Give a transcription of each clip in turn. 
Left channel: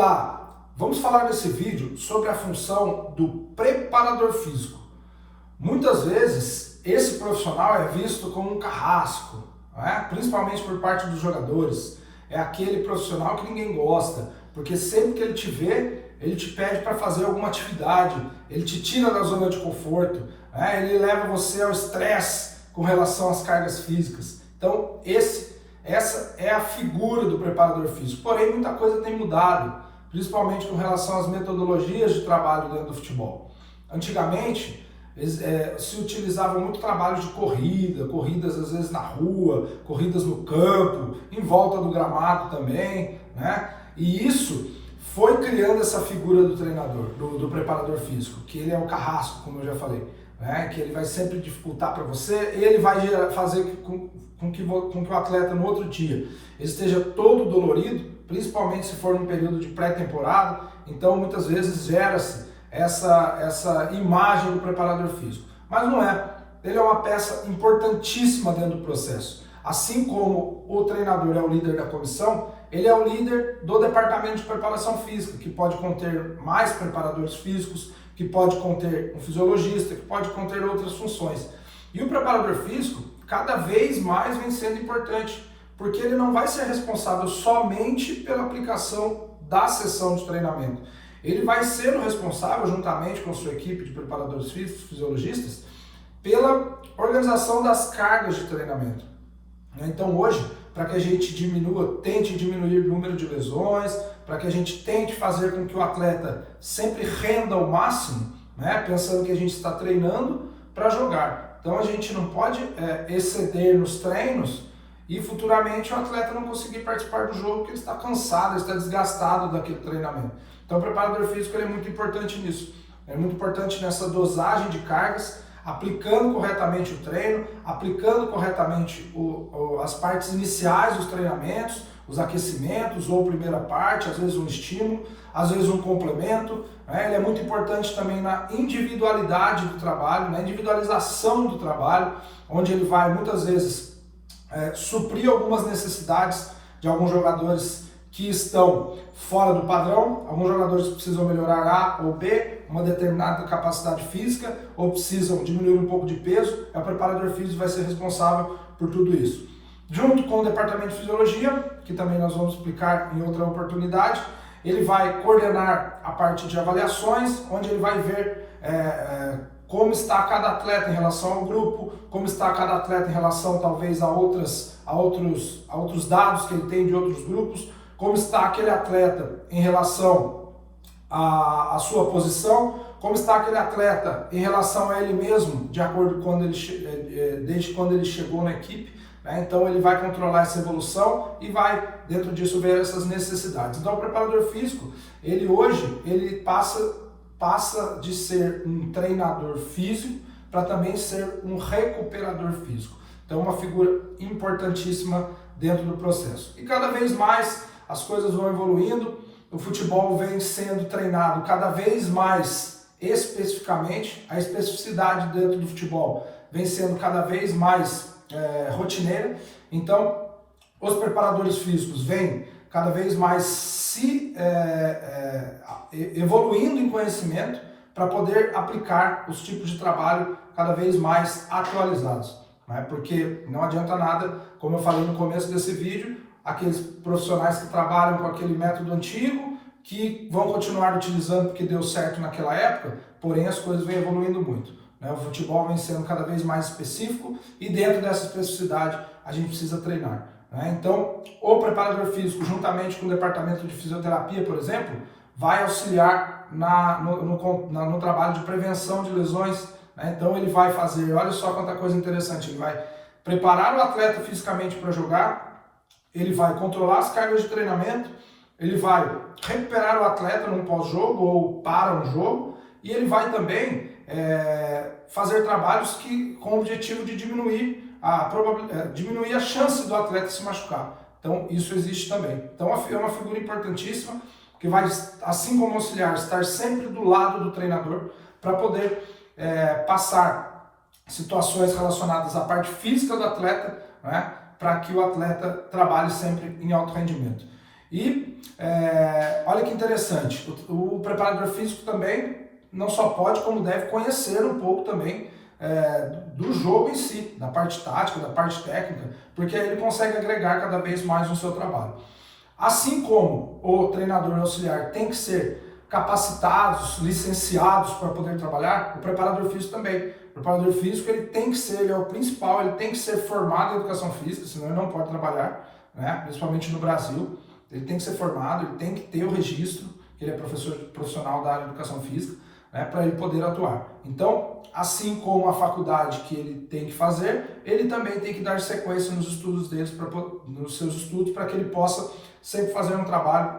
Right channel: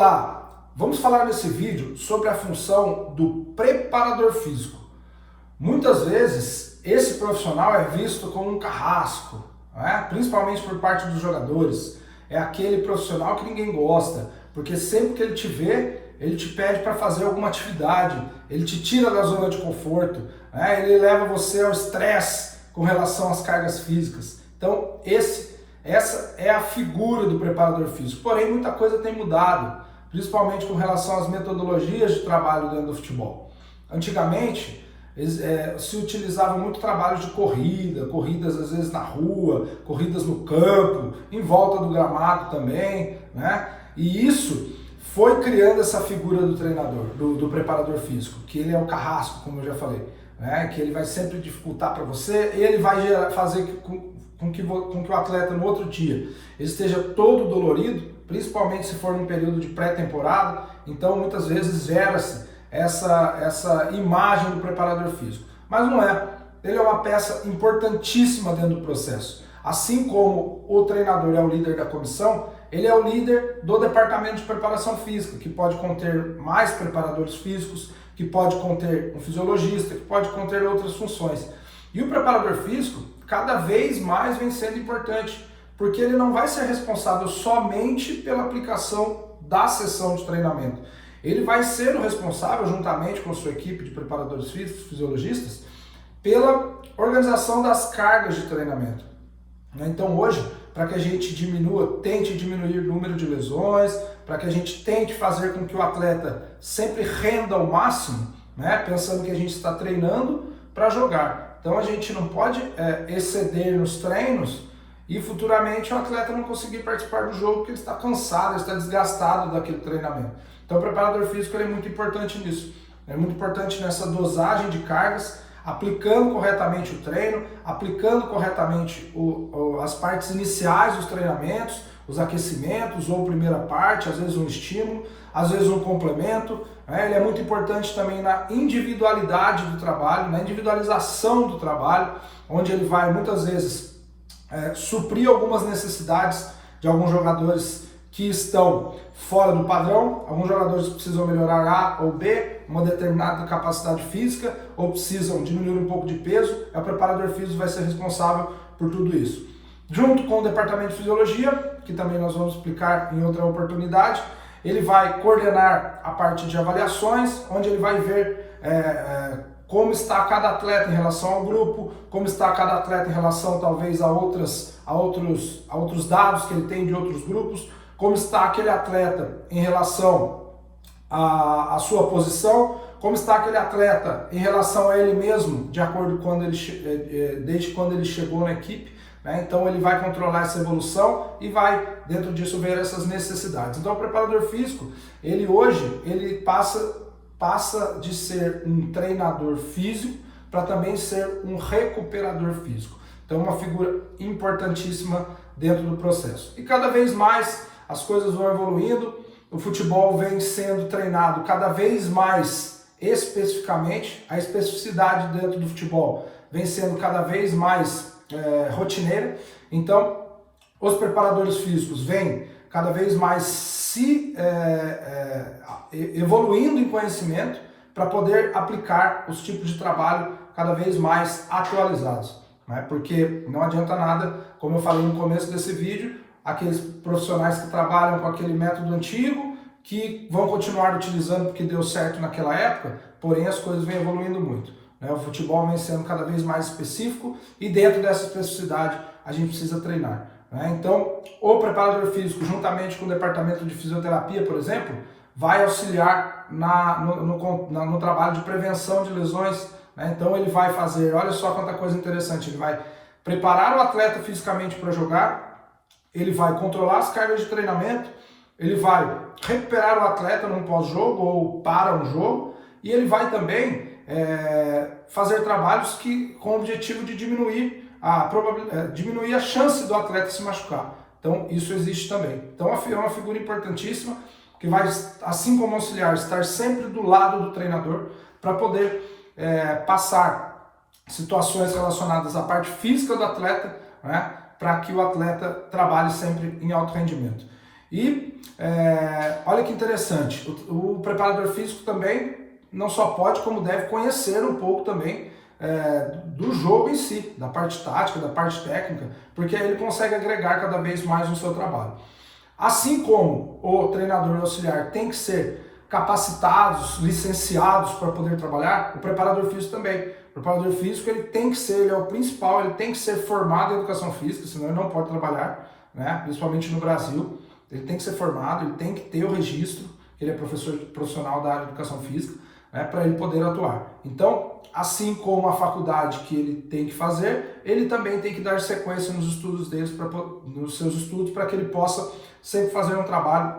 Olá, vamos falar nesse vídeo sobre a função do preparador físico. Muitas vezes esse profissional é visto como um carrasco, principalmente por parte dos jogadores. É aquele profissional que ninguém gosta, porque sempre que ele te vê, ele te pede para fazer alguma atividade, ele te tira da zona de conforto, ele leva você ao estresse com relação às cargas físicas. Então essa é a figura do preparador físico. Porém, muita coisa tem mudado, principalmente com relação às metodologias de trabalho dentro do futebol. Antigamente, se utilizava muito trabalho de corridas às vezes na rua, corridas no campo, em volta do gramado também, E isso foi criando essa figura do treinador, do preparador físico, que ele é o carrasco, como eu já falei, que ele vai sempre dificultar para você, ele vai fazer com que o atleta no outro dia ele esteja todo dolorido, principalmente se for num período de pré-temporada. Então muitas vezes gera-se essa imagem do preparador físico. Mas não é. Ele é uma peça importantíssima dentro do processo. Assim como o treinador é o líder da comissão, ele é o líder do departamento de preparação física, que pode conter mais preparadores físicos, que pode conter um fisiologista, que pode conter outras funções. E o preparador físico cada vez mais vem sendo importante, porque ele não vai ser responsável somente pela aplicação da sessão de treinamento. Ele vai ser o responsável, juntamente com a sua equipe de preparadores físicos, fisiologistas, pela organização das cargas de treinamento. Então hoje, para que a gente tente diminuir o número de lesões, para que a gente tente fazer com que o atleta sempre renda ao máximo, pensando que a gente está treinando para jogar. Então a gente não pode exceder nos treinos e futuramente o atleta não conseguir participar do jogo porque ele está cansado, ele está desgastado daquele treinamento. Então o preparador físico é muito importante nisso. É muito importante nessa dosagem de cargas, aplicando corretamente o treino, aplicando corretamente as partes iniciais dos treinamentos, os aquecimentos ou primeira parte, às vezes um estímulo, às vezes um complemento. Ele é muito importante também na individualidade do trabalho, na individualização do trabalho, onde ele vai muitas vezes suprir algumas necessidades de alguns jogadores que estão fora do padrão. Alguns jogadores precisam melhorar A ou B, uma determinada capacidade física, ou precisam diminuir um pouco de peso. O preparador físico vai ser responsável por tudo isso. Junto com o departamento de fisiologia, que também nós vamos explicar em outra oportunidade, ele vai coordenar a parte de avaliações, onde ele vai ver como está cada atleta em relação ao grupo, como está cada atleta em relação talvez a outros dados que ele tem de outros grupos, como está aquele atleta em relação à sua posição, como está aquele atleta em relação a ele mesmo, de acordo com desde quando ele chegou na equipe. Então ele vai controlar essa evolução e vai dentro disso ver essas necessidades. Então o preparador físico, ele hoje passa de ser um treinador físico para também ser um recuperador físico. Então uma figura importantíssima dentro do processo. E cada vez mais as coisas vão evoluindo, o futebol vem sendo treinado cada vez mais especificamente, a especificidade dentro do futebol vem sendo cada vez mais rotineira. Então os preparadores físicos vêm cada vez mais se evoluindo em conhecimento para poder aplicar os tipos de trabalho cada vez mais atualizados. Porque não adianta nada, como eu falei no começo desse vídeo, aqueles profissionais que trabalham com aquele método antigo, que vão continuar utilizando porque deu certo naquela época, porém as coisas vêm evoluindo muito. O futebol vem sendo cada vez mais específico e dentro dessa especificidade a gente precisa treinar. Então, o preparador físico, juntamente com o departamento de fisioterapia, por exemplo, vai auxiliar no trabalho de prevenção de lesões. Então ele vai fazer, olha só quanta coisa interessante, ele vai preparar o atleta fisicamente para jogar, ele vai controlar as cargas de treinamento, ele vai recuperar o atleta num pós-jogo ou para um jogo, e ele vai também fazer trabalhos com o objetivo de diminuir a chance do atleta se machucar. Então isso existe também. Então é uma figura importantíssima que vai, assim como auxiliar, estar sempre do lado do treinador para poder passar situações relacionadas à parte física do atleta, para que o atleta trabalhe sempre em alto rendimento. E olha que interessante, o preparador físico também não só pode, como deve conhecer um pouco também do jogo em si, da parte tática, da parte técnica, porque aí ele consegue agregar cada vez mais no seu trabalho. Assim como o treinador auxiliar tem que ser capacitados, licenciados para poder trabalhar, o preparador físico também. O preparador físico ele tem que ser, ele é o principal, ele tem que ser formado em educação física, senão ele não pode trabalhar, né? Principalmente no Brasil. Ele tem que ser formado, ele tem que ter o registro, ele é professor profissional da área de educação física, né, para ele poder atuar. Então, assim como a faculdade que ele tem que fazer, ele também tem que dar sequência nos estudos deles, nos seus estudos, para que ele possa sempre fazer um trabalho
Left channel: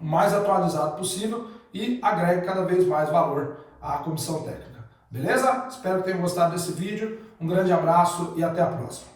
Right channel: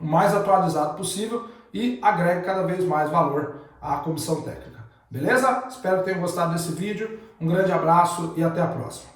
o mais atualizado possível e agregue cada vez mais valor à comissão técnica. Beleza? Espero que tenham gostado desse vídeo. Um grande abraço e até a próxima.